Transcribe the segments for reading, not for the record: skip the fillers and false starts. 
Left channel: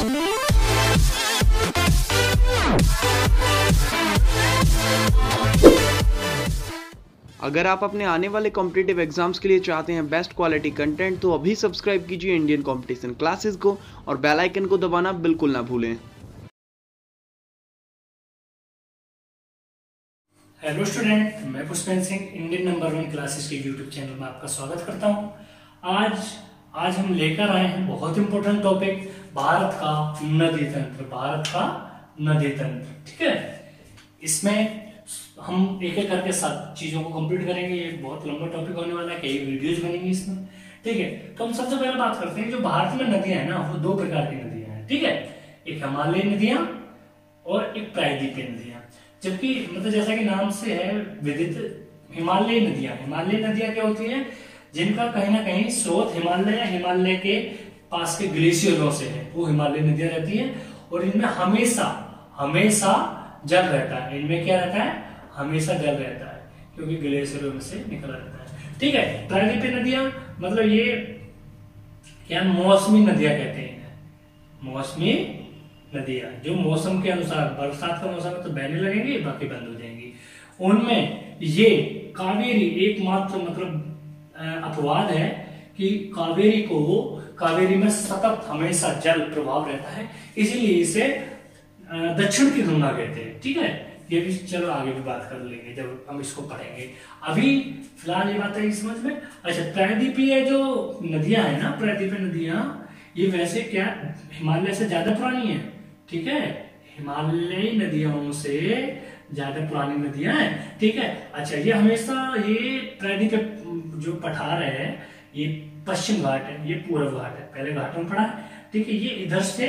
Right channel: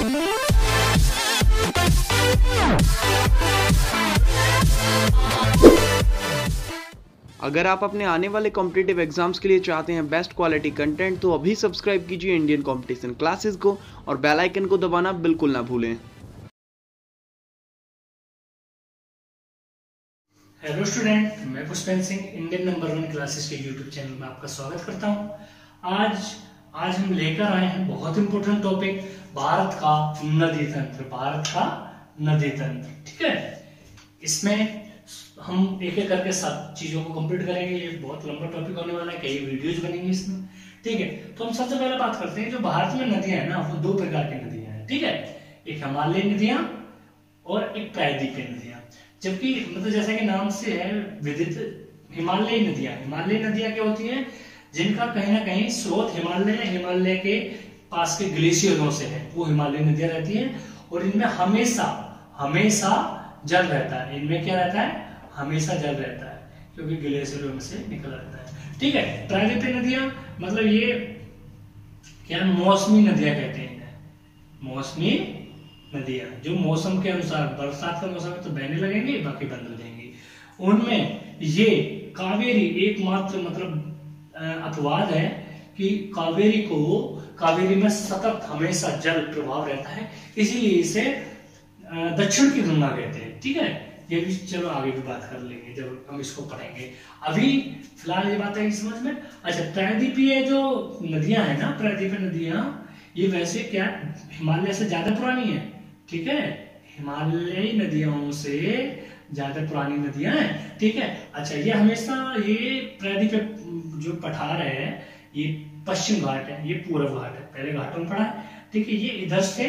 अगर आप अपने आने वाले कॉम्पिटिटिव एग्जाम्स के लिए चाहते हैं बेस्ट क्वालिटी कंटेंट, तो अभी सब्सक्राइब कीजिए इंडियन कंपटीशन क्लासेस को और बेल आइकन को दबाना बिल्कुल ना भूलें। हेलो स्टूडेंट, मैं Pushpendra Singh Indian number 1 classes के यूट्यूब चैनल में आपका स्वागत करता हूं। आज हम लेकर आए हैं बहुत इंपॉर्टेंट टॉपिक, भारत का नदी तंत्र। भारत का नदी तंत्र, ठीक है। इसमें हम एक एक करके सब चीजों को कंप्लीट करेंगे। ये बहुत लंबा टॉपिक होने वाला है, कई वीडियोज बनेंगी इसमें, ठीक है। तो हम सबसे पहले बात करते हैं, जो भारत में नदियां है ना, वो दो प्रकार की नदियां हैं, ठीक है। एक हिमालयी नदियां और एक प्रायद्वीपीय नदियां। जबकि मतलब जैसा कि नाम से है विदित, हिमालयी नदियां क्या होती है, जिनका कहीं ना कहीं स्रोत हिमालय के पास के ग्लेशियरों से है, वो हिमालयी नदियां रहती है। और इनमें हमेशा जल रहता है। इनमें क्या रहता है, हमेशा जल रहता है, क्योंकि ग्लेशियरों में से निकला रहता है, ठीक है। प्रायद्वीपीय नदियां मतलब ये क्या, मौसमी नदियां कहते हैं। मौसमी नदियां जो मौसम के अनुसार, बरसात का मौसम में तो बहने लगेंगी, बाकी बंद हो जाएंगी। उनमें ये कावेरी एकमात्र मतलब अपवाद है कि कावेरी में सतत हमेशा जल प्रभाव रहता है, इसीलिए इसे दक्षिण की गंगा कहते हैं, ठीक है। ये भी चलो आगे भी बात कर लेंगे जब हम इसको पढ़ेंगे। अभी फिलहाल ये बात है समझ में। अच्छा, प्रायद्वीपीय जो नदियां है ना, प्रायद्वीपीय नदियां ये वैसे क्या हिमालय से ज्यादा पुरानी है, ठीक है। हिमालयी नदियों से ज्यादा पुरानी नदियां हैं, ठीक है। अच्छा, ये हमेशा ये प्रायद्वीपीय जो पठार है, ये पश्चिम घाट है, ये पूर्व घाट है, पहले घाटों में पड़ा है, ठीक है। ये इधर से,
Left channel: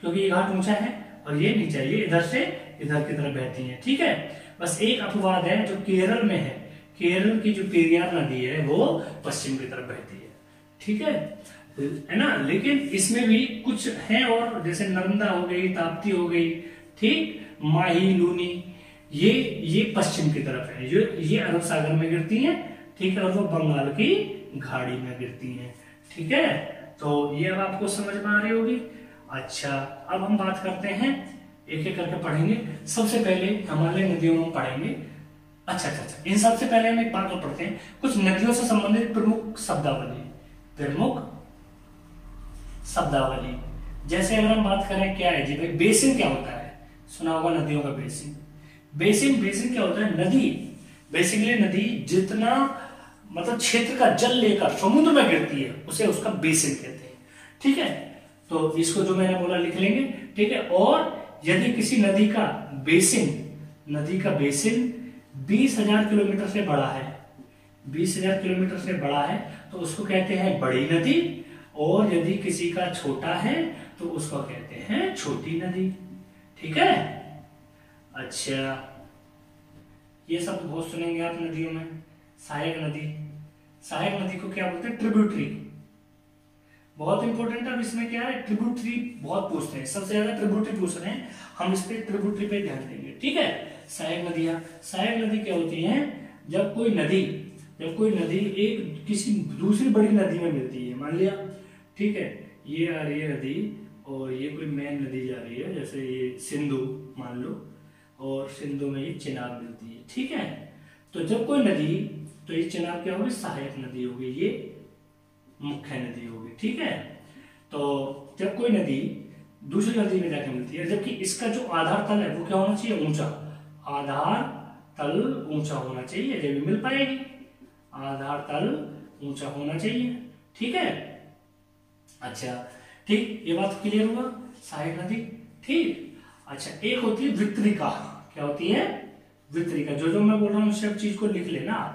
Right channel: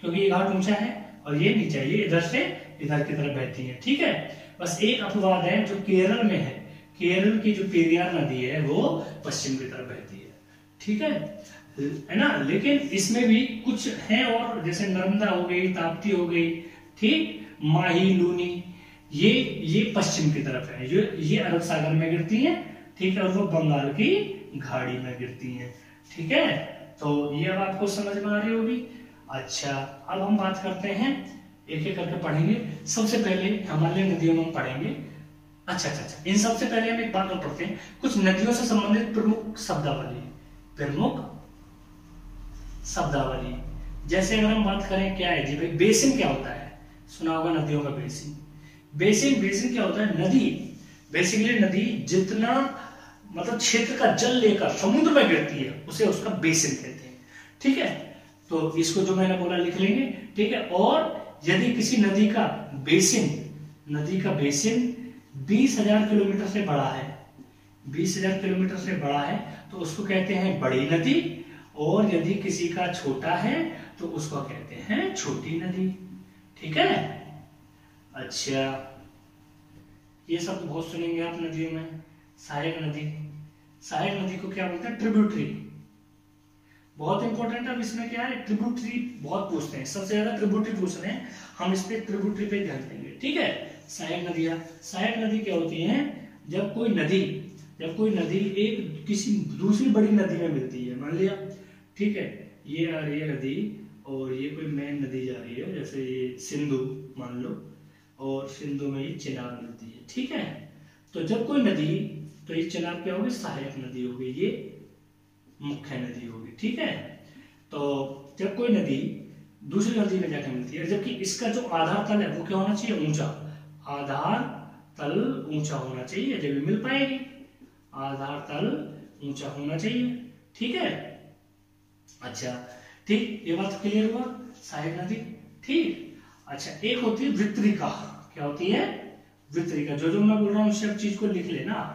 क्योंकि ये घाट ऊंचा है और ये नीचा, ये इधर से इधर की तरफ बहती है, ठीक है। बस एक अपवाद है जो केरल में है, केरल की जो पेरियार नदी है वो पश्चिम की तरफ बहती है, ठीक है ना। लेकिन इसमें भी कुछ है और, जैसे नर्मदा हो गई, ताप्ती हो गई, ठीक, माही, लूनी, ये पश्चिम की तरफ है, जो ये अरब सागर में गिरती है, ठीक है, और वो बंगाल की खाड़ी में गिरती है, ठीक है। तो ये अब आपको समझ में आ रही होगी। अच्छा, अब हम बात करते हैं, एक एक करके पढ़ेंगे। सबसे पहले हिमालय नदियों में पढ़ेंगे। अच्छा, इन सबसे पहले हम एक बात और पढ़ते हैं, कुछ नदियों से संबंधित प्रमुख शब्दावली। जैसे अगर हम बात करें, क्या है जी भाई, बेसिन क्या होता है, सुना होगा नदियों का बेसिन क्या होता है, नदी, बेसिकली नदी जितना मतलब क्षेत्र का जल लेकर समुद्र में गिरती है, उसे उसका बेसिन कहते हैं, ठीक है। तो इसको जो मैंने बोला लिख लेंगे, ठीक है। और यदि किसी नदी का बेसिन 20,000 किलोमीटर से बड़ा है, 20,000 किलोमीटर से बड़ा है, तो उसको कहते हैं बड़ी नदी। और यदि किसी का छोटा है तो उसको कहते हैं छोटी नदी, ठीक है। अच्छा, ये सब तो बहुत सुनेंगे आप नदियों में। सहायक नदी को क्या बोलते हैं, ट्रिब्यूटरी, बहुत इंपॉर्टेंट है। अब इसमें क्या है, ट्रिब्यूटरी बहुत पूछते हैं, सबसे ज्यादा ट्रिब्यूटरी पूछ रहे हैं, हम इस पे ट्रिब्यूटरी पे ध्यान देंगे, ठीक है। सहायक नदी क्या होती है, जब कोई नदी एक किसी दूसरी बड़ी नदी में मिलती है, मान लिया, ठीक है, ये आ रही है नदी और ये कोई मेन नदी जा रही है, जैसे ये सिंधु मान लो, और सिंधु में ये चिनाब मिलती है, ठीक है। तो जब कोई नदी, तो ये चिनाब क्या होगी, सहायक नदी होगी, ये मुख्य नदी होगी, ठीक है। तो जब कोई नदी दूसरी नदी में जाकर मिलती है, जबकि इसका जो आधार तल है वो क्या होना चाहिए, ऊंचा, आधार तल ऊंचा होना चाहिए, जब मिल पाएगी, आधार तल ऊंचा होना चाहिए, ठीक है। अच्छा, ठीक, ये बात क्लियर हुआ, सहायक नदी, ठीक। अच्छा, एक होती है वितरिका, क्या होती है, वितरिका, जो मैं बोल रहा हूँ सब चीज को लिख लेना,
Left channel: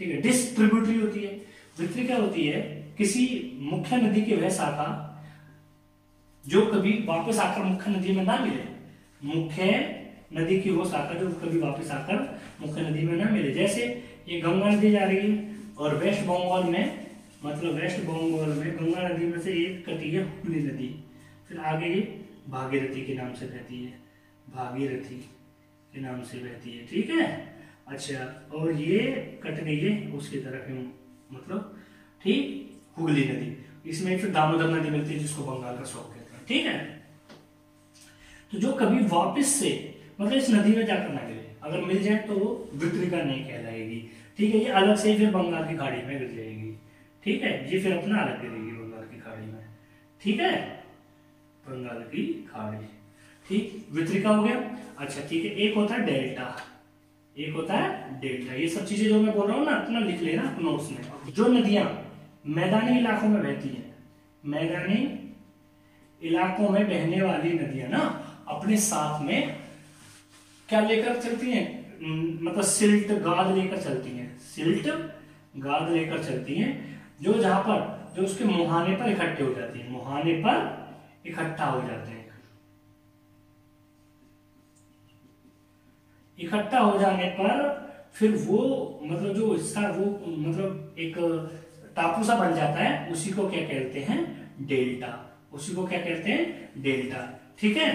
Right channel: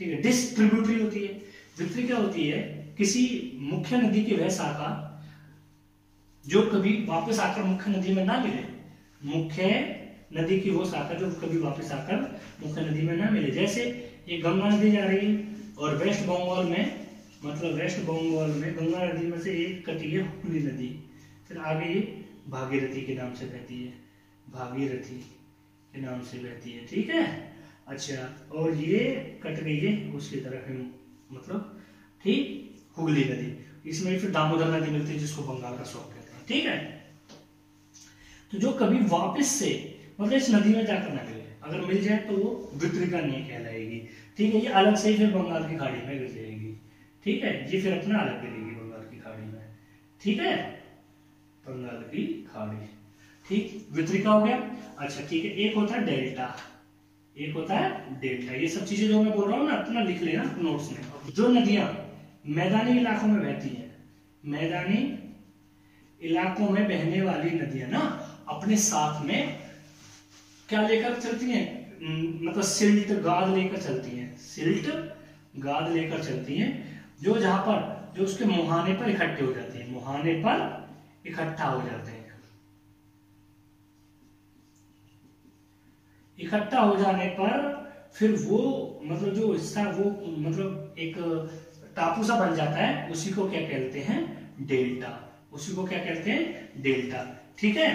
ठीक है। डिस्ट्रीब्यूटरी होती है। वितरिका होती है किसी मुख्य नदी की वह शाखा जो कभी वापस आकर मुख्य नदी में ना मिले, मुख्य नदी की वो शाखा जो कभी वापस आकर मुख्य नदी में ना मिले। जैसे ये गंगा नदी जा रही है और वेस्ट बंगाल में गंगा नदी में से एक कटी है हुगली नदी, फिर आगे ये भागीरथी के नाम से बहती है, ठीक है। अच्छा, और ये कट गई है उसकी तरफ, मतलब ठीक, हुगली नदी, इसमें फिर दामोदर नदी मिलती है जिसको बंगाल का स्रोत कहते हैं, ठीक है। तो जो कभी वापस से मतलब इस नदी में जाकर ना मिले, अगर मिल जाए तो वो वितरिका नहीं कहलाएगी। ठीक है, ये अलग से ही फिर बंगाल की खाड़ी में गिर जाएगी। ठीक है, ये फिर अपना अलग गिरेगी बंगाल की खाड़ी में। ठीक है, बंगाल की खाड़ी। ठीक, वितरिका हो गया। अच्छा ठीक है, एक होता है डेल्टा, एक होता है डेल्टा। ये सब चीजें जो मैं बोल रहा हूँ ना अपना लिख लेना नोट्स में। जो नदियां मैदानी इलाकों में बहती हैं, मैदानी इलाकों में बहने वाली नदियां ना अपने साथ में क्या लेकर चलती हैं, मतलब सिल्ट गाद लेकर चलती हैं, सिल्ट गाद लेकर चलती हैं, जो जहां पर जो उसके मुहाने पर इकट्ठे हो जाती हैं, मुहाने पर इकट्ठा हो जाते हैं। इकट्ठा हो जाने पर फिर वो मतलब जो हिस्सा वो मतलब एक टापू सा बन जाता है, उसी को क्या कहते हैं, डेल्टा। उसी को क्या कहते हैं, डेल्टा। ठीक है,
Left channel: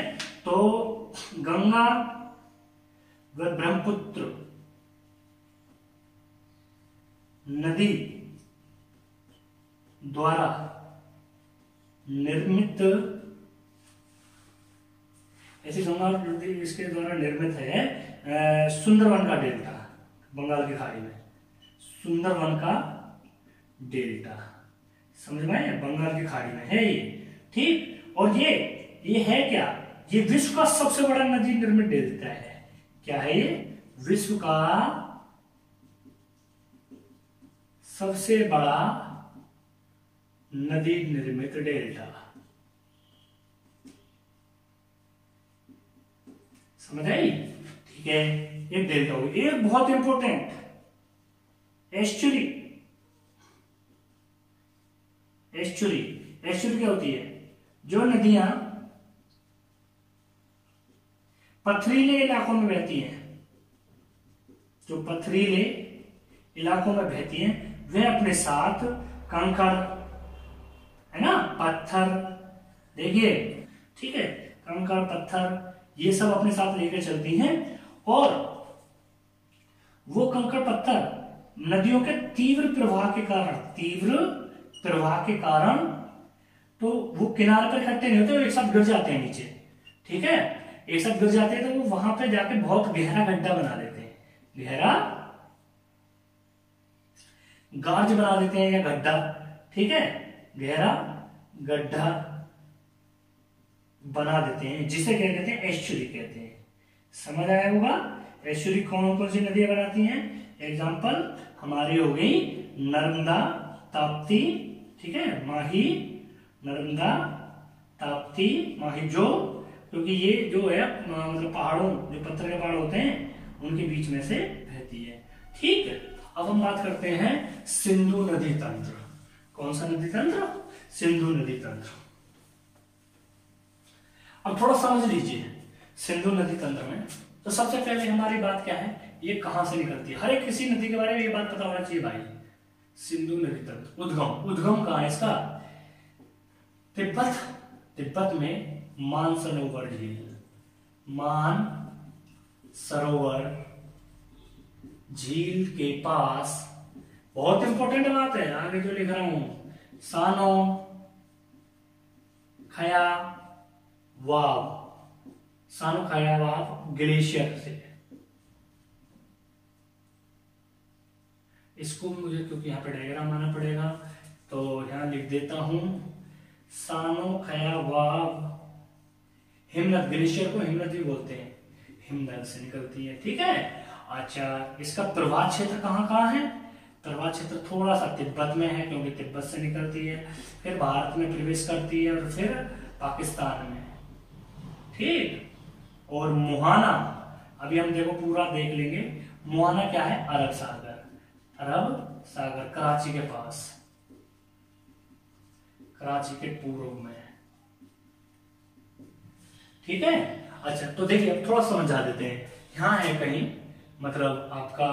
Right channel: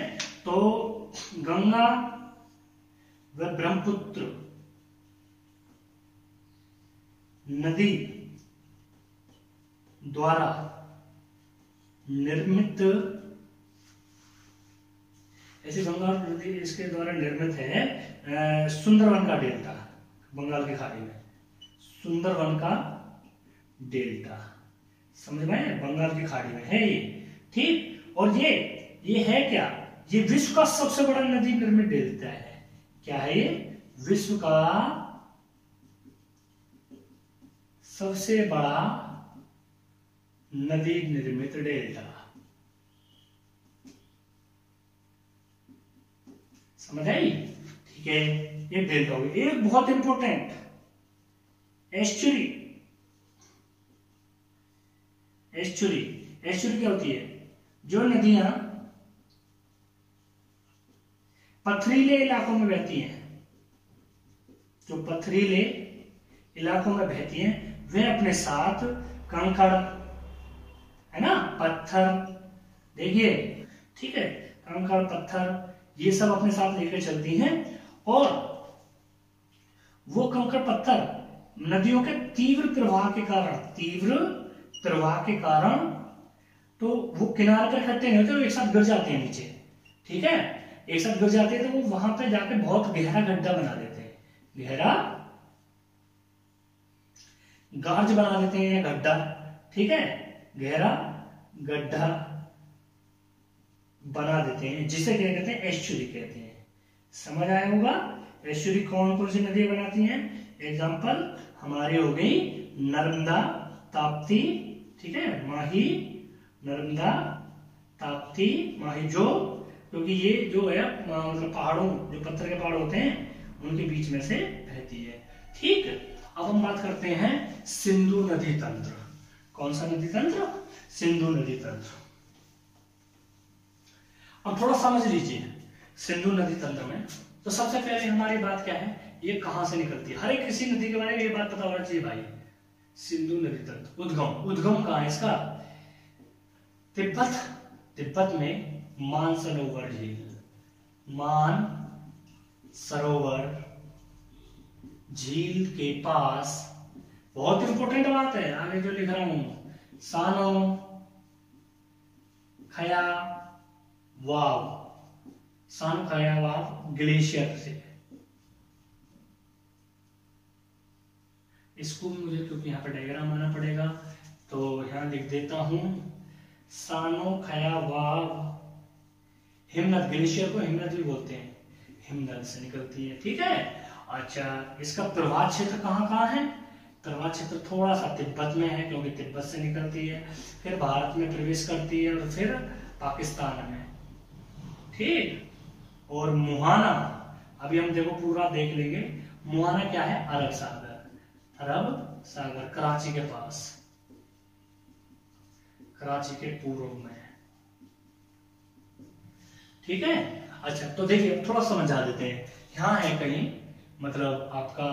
तो गंगा व ब्रह्मपुत्र नदी द्वारा निर्मित, ऐसी गंगा नदी इसके द्वारा निर्मित है सुंदरवन का डेल्टा, बंगाल की खाड़ी में सुंदरवन का डेल्टा। समझ में आया, बंगाल की खाड़ी में है ये। ठीक, और ये है क्या, ये विश्व का सबसे बड़ा नदी निर्मित डेल्टा है। क्या है ये, विश्व का सबसे बड़ा नदी निर्मित डेल्टा। समझ आई, ठीक है, ये डेल्टा हो गया। एक बहुत इंपॉर्टेंट एस्चुरी, एस्चुरी, एस्चुरी क्या होती है, जो नदियां पथरीले इलाकों में बहती हैं, जो पथरीले इलाकों में बहती हैं, वे अपने साथ कंकड़, है ना, पत्थर, देखिए, ठीक है, कंकड़ पत्थर ये सब अपने साथ लेकर चलती हैं, और वो कंकड़ पत्थर नदियों के तीव्र प्रवाह के कारण, तीव्र प्रवाह के कारण तो वो किनारे पर इकट्ठे नहीं होते, वो एक साथ गिर जाते हैं नीचे। ठीक है, एक साथ गिर जाते हैं तो वो वहां पे जाके बहुत गहरा गड्ढा बना देते हैं, गहरा गार्ज बना देते हैं या गड्ढा। ठीक है, गहरा गड्ढा बना देते हैं, जिसे क्या कहते हैं, एस्चुरी कहते हैं। समझ आया होगा, एस्चुरी कौन कौन सी नदियां बनाती हैं, एग्जाम्पल हमारी हो गई नर्मदा, ताप्ती, ठीक है, माही, नर्मदा, ताप्ती, माही, जो क्योंकि ये जो है मतलब पहाड़ों, जो पत्थर के पहाड़ होते हैं उनके बीच में से बहती है। ठीक, अब हम बात करते हैं सिंधु नदी तंत्र। कौन सा नदी तंत्र, सिंधु नदी तंत्र। अब थोड़ा समझ लीजिए सिंधु नदी तंत्र में, तो सबसे पहले हमारी बात क्या है, ये कहां से निकलती है, हर एक किसी नदी के बारे में ये बात पता होना चाहिए भाई। सिंधु नदी तंत्र, उद्गम कहां है इसका, तिब्बत, तिब्बत में मानसरोवर झील, मान सरोवर झील के पास, बहुत इंपॉर्टेंट बात है आगे जो लिख रहा हूं, सानो खया वाव, सानो खया वाव ग्लेशियर से, इसको मुझे क्योंकि यहाँ पे डायग्राम आना पड़ेगा तो यहां लिख देता हूं, सानो खया वाव हिमनद, ग्लेशियर को हिमनद भी बोलते हैं, हिमनद से निकलती है। ठीक है, अच्छा, इसका प्रवाह क्षेत्र कहाँ कहाँ है, प्रवाह क्षेत्र थोड़ा सा तिब्बत में है क्योंकि तिब्बत से निकलती है, फिर भारत में प्रवेश करती है और फिर पाकिस्तान में। ठीक, और मुहाना, अभी हम देखो पूरा देख लेंगे, मुहाना क्या है, अरब सागर, अरब सागर, कराची के पास, कराची के पूर्व में। ठीक है, अच्छा तो देखिए थोड़ा समझा देते हैं, यहां है कहीं मतलब आपका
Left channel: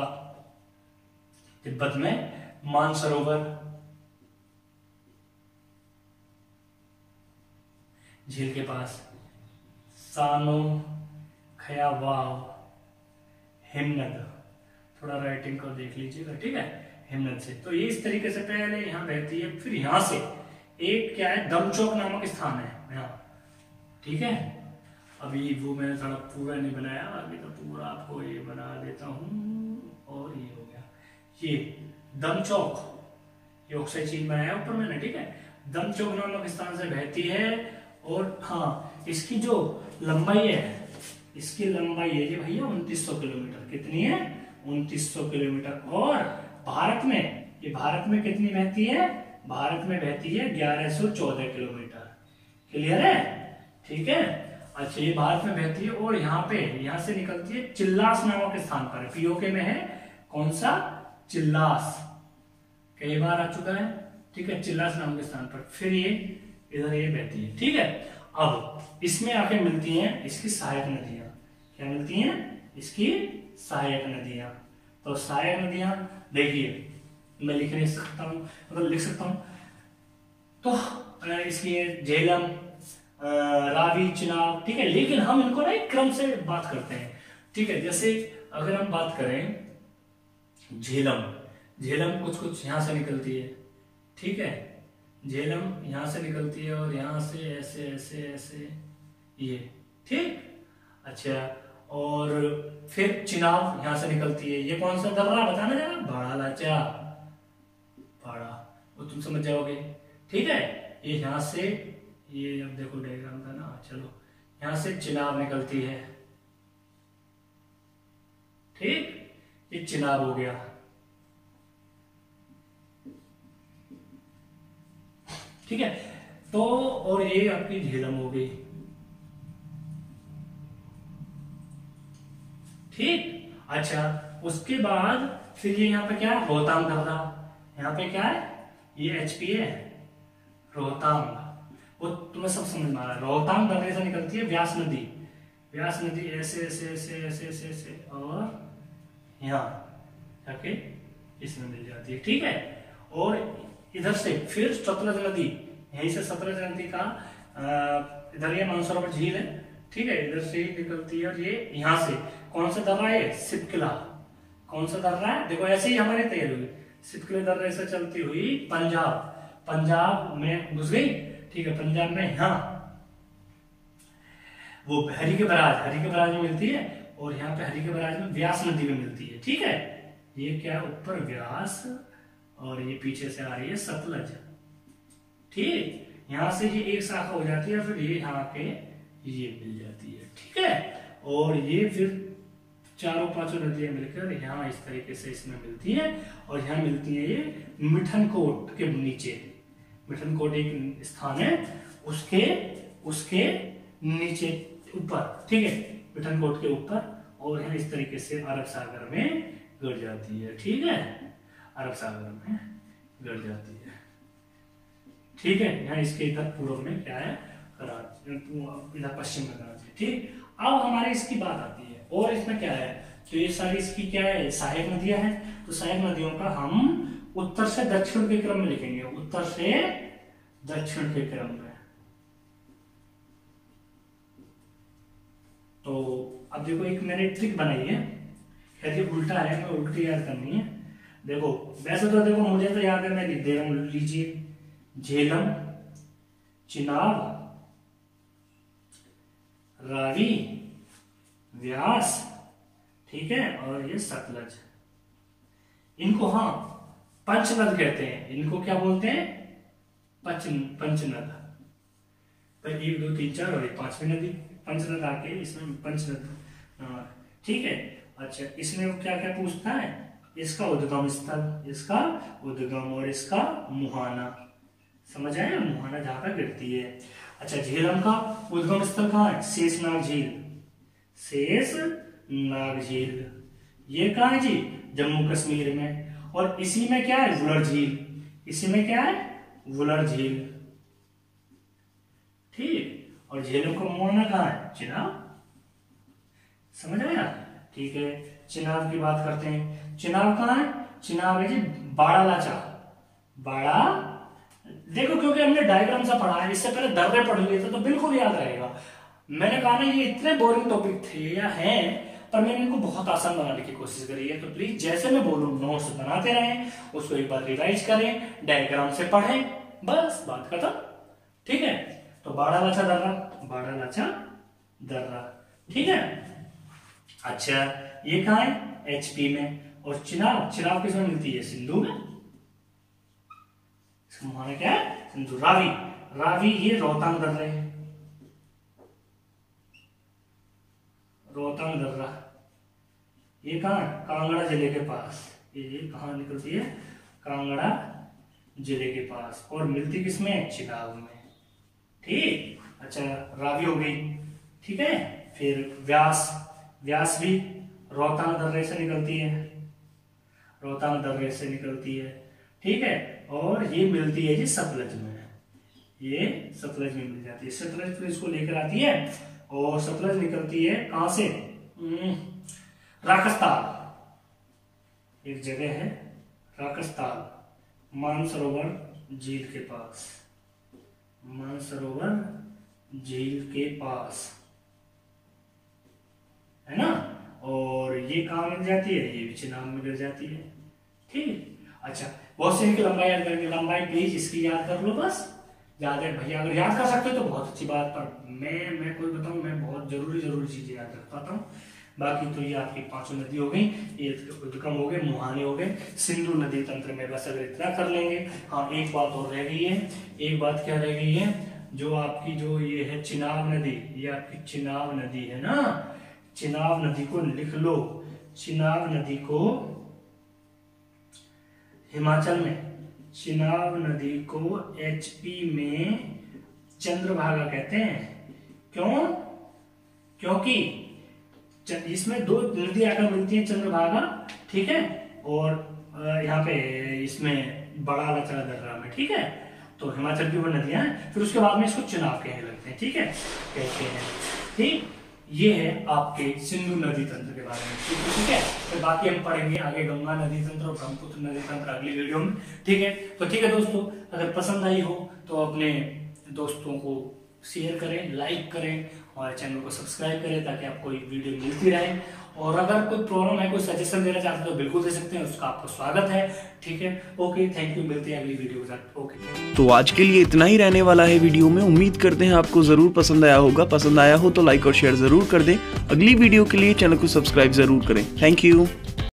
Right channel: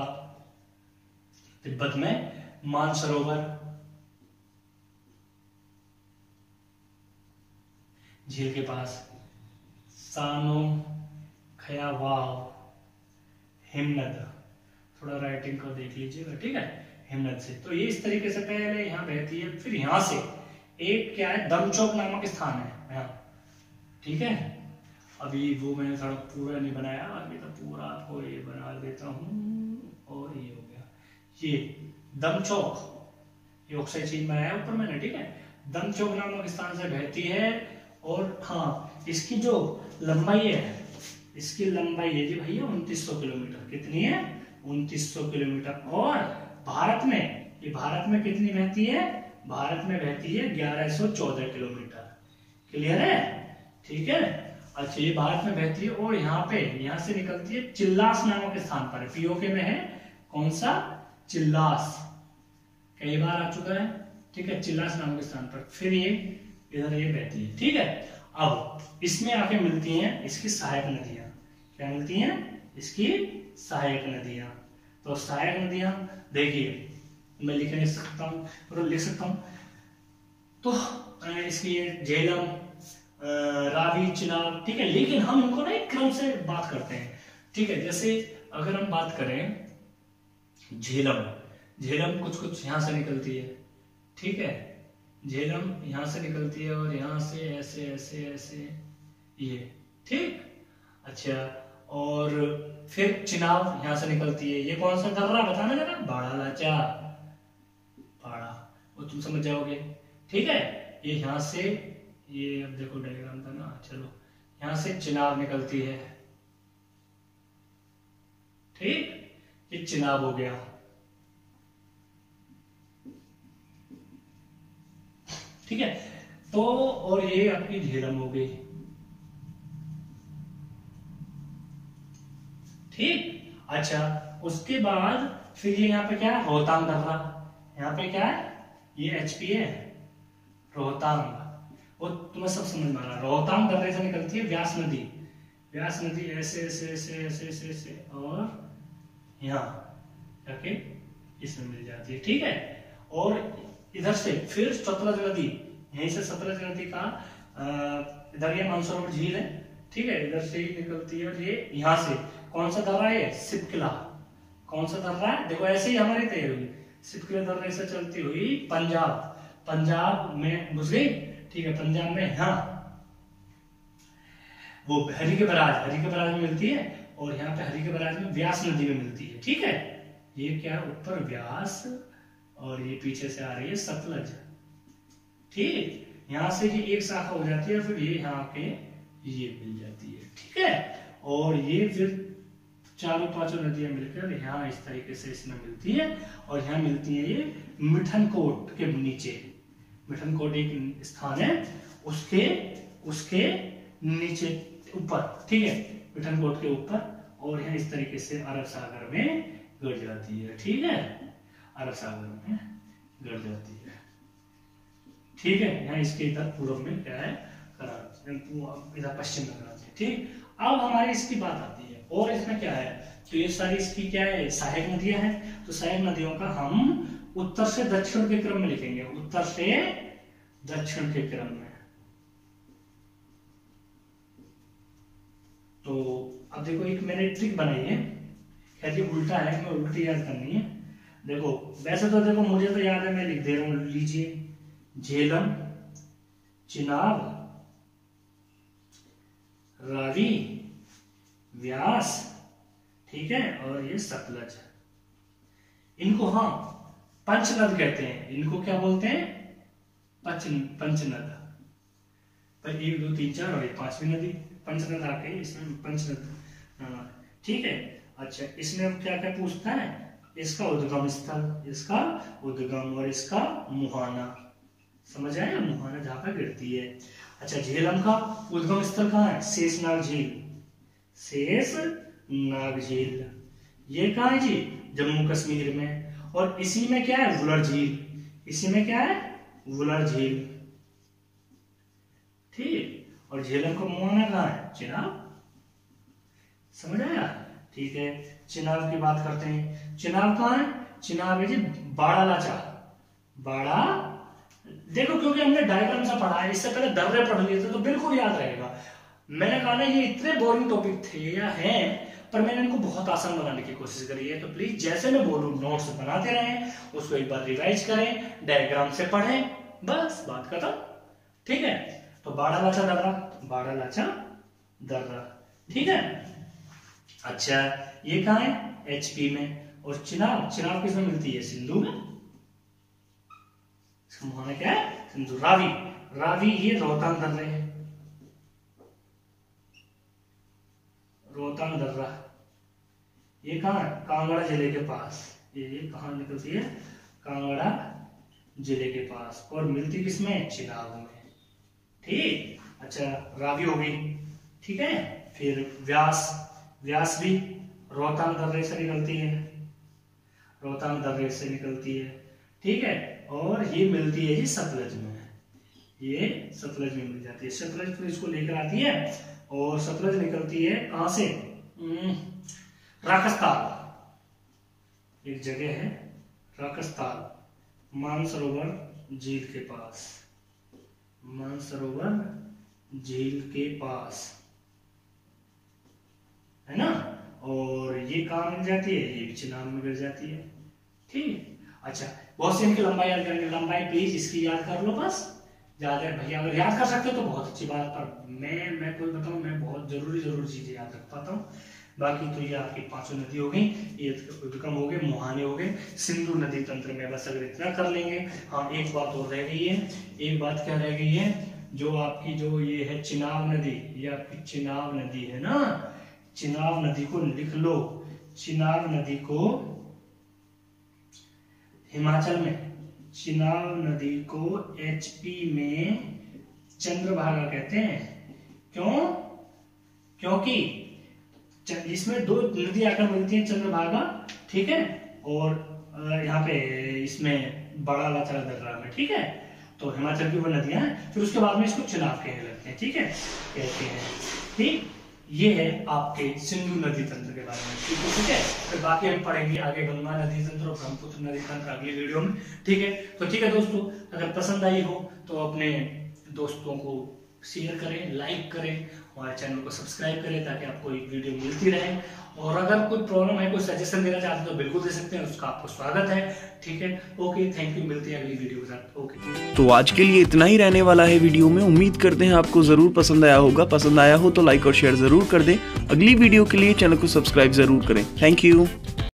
तिब्बत में मानसरोवर झील के पास, सानो खया वाव हिमनद, थोड़ा राइटिंग को देख लीजिएगा। ठीक है, हिमनद से, तो ये इस तरीके से पहले यहां बहती है, फिर यहां से एक क्या है, दमचौक नामक स्थान है यहाँ। ठीक है, अभी वो मैंने थोड़ा पूरा नहीं बनाया, अभी तो पूरा आपको ये बना देता हूँ। और ये हो गया ये दमचौक, ये ऑक्साइड चेन बनाया ऊपर मैंने, ठीक है। दमचौक नामक स्थान से बहती है। और हाँ, इसकी जो लंबाई है, इसकी लंबाई है जी भैया 2900 किलोमीटर। कितनी है? 2900 किलोमीटर। और भारत में, ये भारत में कितनी बहती है? भारत में बहती है 1114 किलोमीटर। क्लियर है? ठीक है। अच्छा, ये भारत में बहती है और यहाँ से निकलती है चिल्लास नामक स्थान पर, पीओके में है। कौन सा? चिल्लास, कई बार आ चुका है, ठीक है। चिल्लास नामक स्थान पर फिर ये इधर ये बहती है, ठीक है। अब इसमें आके मिलती हैं इसकी सहायक नदियां। क्या मिलती हैं? इसकी सहायक नदियां। तो सहायक नदियां देखिए, मैं लिख नहीं सकता हूं, मतलब लिख सकता हूं। तो इसकी झेलम, रावी, चिनाब, ठीक है। लेकिन हम इनको ना एक क्रम से बात करते हैं, ठीक है। जैसे अगर हम बात करें झेलम, झेलम कुछ यहां से निकलती है, ठीक है। झेलम यहां से निकलती है और यहां से ऐसे ऐसे ऐसे ये, ठीक। अच्छा, और फिर चिनाब यहां से निकलती है। ये कौन सा दर्रा बताना जरा? बाड़ा लाचा, बाड़ा, वो तुम समझ जाओगे, ठीक है। ये यहां से, ये अब देखो डायग्राम का ना, चलो, यहां से चिनाब निकलती है, ठीक। ये चिनाब हो गया, ठीक है। तो और ये आपकी झेलम हो गई, ठीक। अच्छा, उसके बाद फिर ये यहाँ पे क्या है? रोहतांग दर्रा। यहाँ पे क्या है? ये एचपी है, रोहतांग, वो तुम्हें सब समझ में आ रहा है। रोहतांग दर्रे से निकलती है व्यास नदी, व्यास नदी ऐसे ऐसे ऐसे ऐसे ऐसे ऐसे और यहाँ जाके इसमें मिल जाती है, ठीक है। और इधर से फिर सतलज नदी, यहीं से सतलज नदी का इधर ये मानसरोवर झील है, ठीक है। इधर से ही निकलती है और ये यहाँ से कौन सा दर्रा है? सिपकिला। कौन सा दर्रा है? देखो ऐसे ही हमारी तैयारी हुई, सिपकिला दर्रे से चलती हुई पंजाब, पंजाब में घुस गई, ठीक है। पंजाब में यहाँ वो हरी के बराज में मिलती है और यहाँ पे हरी के बराज में व्यास नदी में मिलती है, ठीक है। ये क्या है? ऊपर व्यास और ये पीछे से आ रही है सतलज, ठीक। यहां से ये एक शाखा हो जाती है, फिर ये यहाँ पे ये मिल जाती है, ठीक है। और ये फिर चारों पांचों नदियां मिलकर यहाँ इस तरीके से इसमें मिलती है। और यहाँ मिलती है ये मिठनकोट के नीचे, मिठनकोट एक स्थान है, उसके नीचे ऊपर, ठीक है, मिठनकोट के ऊपर। और यहाँ इस तरीके से अरब सागर में गिर जाती है, ठीक है। अरब सागर में गिर जाती है, ठीक है। यहाँ इसके इधर पूर्व में क्या है? कराची, इधर पश्चिम में कराची, ठीक। अब हमारी इसकी बात आती है और इसमें क्या है? तो ये सारी इसकी क्या है? सहायक नदियां हैं। तो सहायक नदियों का हम उत्तर से दक्षिण के क्रम में लिखेंगे, उत्तर से दक्षिण के क्रम में। तो अब देखो, एक मैंने ट्रिक बनाई है, खैर ये उल्टा है, मैं उल्टी याद करनी है। देखो वैसे तो देखो मुझे तो याद है, मैं लिख दे रहा हूं, लीजिए। झेलम, चिनाब, रावी, व्यास, ठीक है, और ये सतलज। इनको हाँ पंचनद कहते हैं। इनको क्या बोलते हैं? पंचनद। पर 1 2 3 4 और 5वीं नदी पंचनद आके इसमें पंचनद, ठीक है। अच्छा, इसमें क्या क्या पूछता है? इसका उद्गम स्थल, इसका उद्गम और इसका मुहाना, समझ आया? मुहाना जहां पर गिरती है। अच्छा, झेलम का उद्गम स्थल कहाँ है? शेषनाग झील, शेषनाग झील। ये कहाँ है जी? जम्मू कश्मीर में। और इसी में क्या है? वुलर झील। इसी में क्या है? वुलर झील, ठीक। और झेलम का मुहाना कहाँ है? चिनाब, समझ आया? ठीक है, चिनाब की बात करते हैं। चिनाब कहाँ है? चिनाब है जी बाड़ा लाचा, बाड़ा। देखो क्योंकि हमने डायग्राम से पढ़ा है, इससे पहले दर्रे पढ़ लिए थे तो बिल्कुल याद रहेगा। मैंने कहा ना, ये इतने बोरिंग टॉपिक थे या हैं, पर मैंने इनको बहुत आसान बनाने की कोशिश करी है। तो प्लीज जैसे मैं बोलूं नोट्स बनाते रहें, उसको एक बार रिवाइज करें, डायग्राम से पढ़ें, बस बात खत्म, ठीक है। तो बाड़ा लाचा दर्रा, बाड़ा लाचा दर्रा, ठीक है। अच्छा, ये कहाँ है? HP में। और चिनाब, चिनाब किसमें मिलती है? सिंधु में। इसका माना क्या है? सिंधु। रावी, रावी ये रोहतांग दर्रा है, रोहतांग दर्रा। ये कहाँ है? कांगड़ा जिले के पास। ये कहाँ निकलती है? कांगड़ा जिले के पास। और मिलती किसमें? चिनाब में, ठीक। अच्छा, रावी हो गई, ठीक है। फिर व्यास, व्यास भी रोहतांग दर्रे से निकलती है, रोहतांग दर्रे से निकलती है, ठीक है। और ये मिलती है जी सतलज में, ये सतलज में मिल जाती है। सतलज फिर इसको लेकर आती है और सतलज निकलती है कहां से? राकसताल, एक जगह है राकसताल, मानसरोवर झील के पास, मानसरोवर झील के पास, है ना। और ये कहाँ मिल जाती है? ये भी चिनाब में गिर जाती है, ठीक। अच्छा, बहुत से इनकी लंबाई याद करेंगे, लंबाई प्लीज इसकी याद कर लो बस, ज्यादा भैया अगर याद कर सकते हो तो बहुत अच्छी बात। पर मैं कोई बताऊं, मैं बहुत जरूरी चीजें याद रख पाता हूँ। बाकी तो ये आपकी 5 नदी हो गई, ये विक्रम हो गए, मुहाने हो गए, सिंधु नदी तंत्र में, बस अगर इतना कर लेंगे। हाँ, एक बात और रह गई है, एक बात क्या रह गई है? जो आपकी जो ये है चिनाब नदी, ये आपकी चिनाब नदी है ना, चिनाब नदी को लिख लो। चिनाब नदी को हिमाचल में, चिनाब नदी को HP में चंद्रभागा कहते हैं। क्यों? क्योंकि इसमें 2 नदी आकर मिलती है, चंद्रभागा, ठीक है। और यहाँ पे इसमें बड़ा लचरा दर्रा में, ठीक है। तो हिमाचल की वो नदियां हैं, फिर उसके बाद में इसको चिनाब कहने लगते हैं, ठीक है, कहते हैं, ठीक। ये है आपके सिंधु नदी तंत्र के बारे में, ठीक है। फिर बाकी हम पढ़ेंगे आगे गंगा नदी तंत्र और ब्रह्मपुत्र नदी तंत्र अगली वीडियो में, ठीक है। तो ठीक है दोस्तों, अगर पसंद आई हो तो अपने दोस्तों को शेयर करें, लाइक करें और चैनल को सब्सक्राइब करें ताकि आपको ये वीडियो मिलती रहे। और अगर कोई प्रॉब्लम है, कोई सजेशन देना चाहते हैं तो बिल्कुल दे सकते हैं, उसका आपको स्वागत है, ठीक है। ओके, थैंक यू, मिलते हैं अगली वीडियो के साथ। ओके, तो आज के लिए इतना ही रहने वाला है वीडियो में। उम्मीद करते हैं आपको जरूर पसंद आया होगा। पसंद आया हो तो लाइक और शेयर जरूर कर दें। अगली वीडियो के लिए चैनल को सब्सक्राइब जरूर करें। Thank you.